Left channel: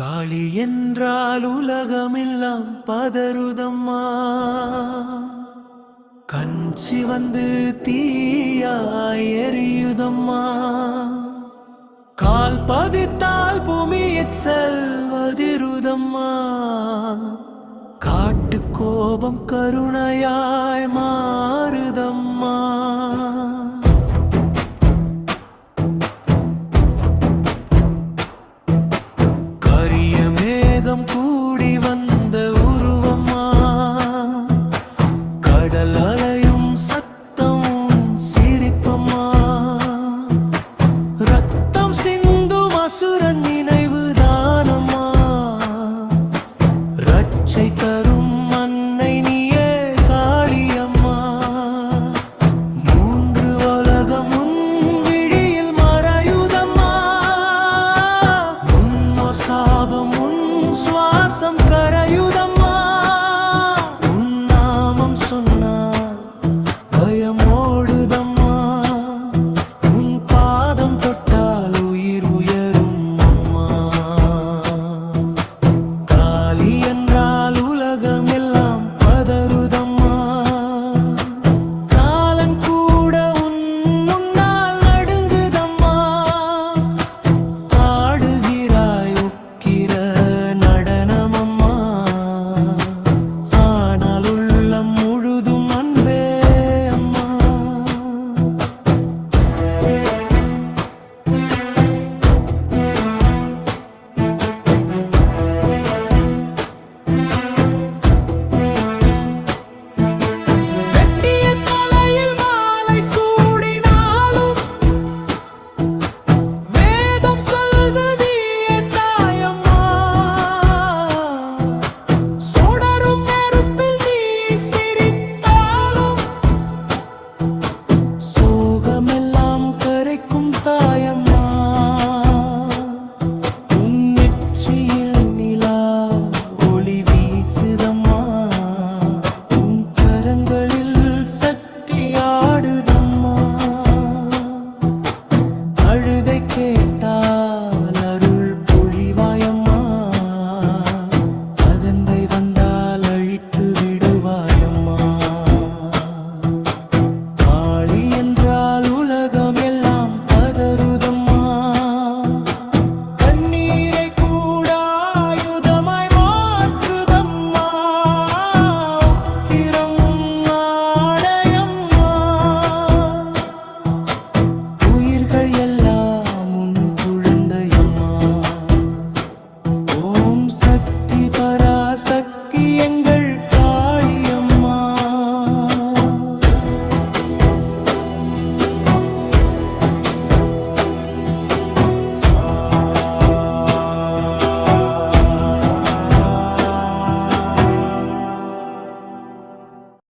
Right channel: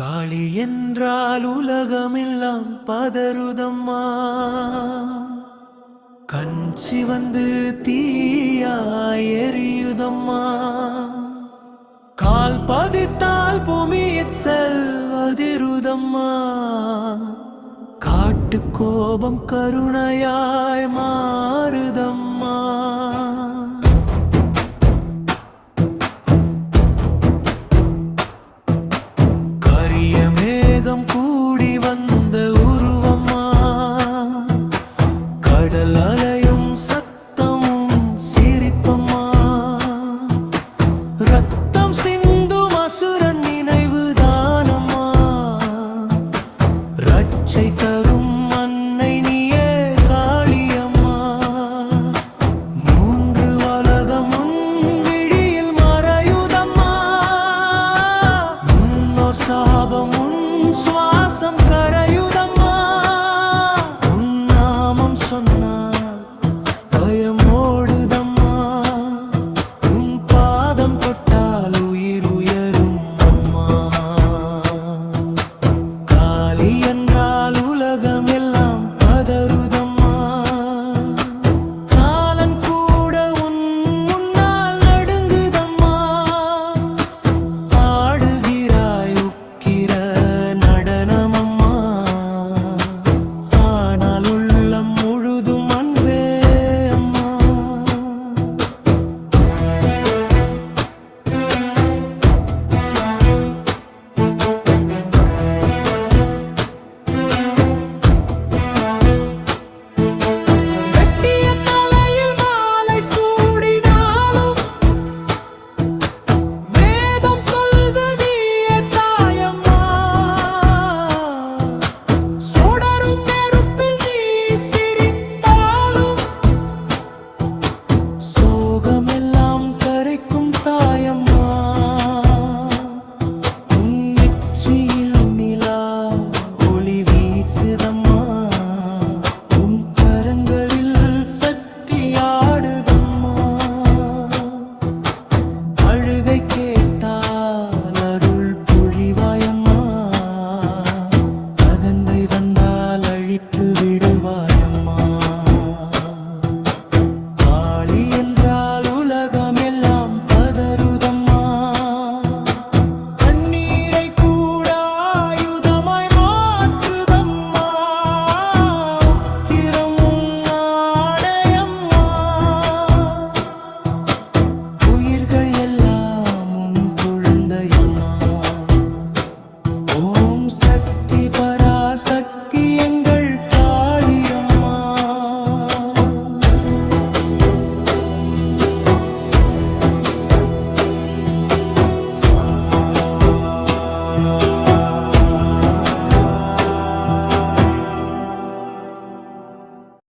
காளி என்றால் உலகமெல்லாம் பதறுதம்மா. கண் சிவந்து தீயாய் எரியுதம்மா. கால் பதித்தால் பூமியைச் செல்வதிருதம்மா. காட்டு கோபம் கருணையாய் மாறுதம்மா. கரிய மேகம் கூடி வந்த உருவம்மா. கடல் அலையும் சத்தமும் சிரிப்பம்மா. ரத்தம் சிந்தும் அசுரன் நினைவு தானம்மா. ரட்சை தரும் அன்னை நீயே காளியம்மா. மூன்று உலகம் உன் விழியில் மறையுதம்மா. முன்னோர் சாபம் உன் சுவாசம் கரையுதம்மா. உன் நாமம் சொன்னால் பயம் ஓடுதம்மா. உன் பாதம் தொட்டால் உயிர் உயரும் அம்மா. காளி என்றால் உலகம் எல்லாம் பதறுதம்மா. காலன் கூட உன் முன்னால் நடுங்குதம்மா. ஆடுகிறாய் உக்கிர நடனமம்மா. ஆனால் உள்ளம் முழுதும் அன்பே அம்மா. வெட்டிய தலையில் மாலை சூடினாலும் வேதம் சொல்லுது நீயே தாயம்மா. சுடரும் நெருப்பில் நீ சிரித்தாலும் சோகமெல்லாம் கரைக்கும் தாயம்மா. உன் நெற்றியில் நிலா ஒளி வீசுதம்மா. உன் கரங்களில் சக்தி ஆடுதம்மா. அழுகை கேட்டால் அருள் பொழிவாயம்மா. அகந்தை வந்தால் அழித்து விடுவாயம்மா. காளி என்றால் உலகம் எல்லாம் பதறுதம்மா. கண்ணீரை கூட ஆயுதமாய் மாற்றுதம்மா. உக்கிரமும் ஆடையம்மா. உயிர்கள் எல்லாம் உன் குழந்தையம்மா. ஓம் சக்தி பராசக்தி எங்கள்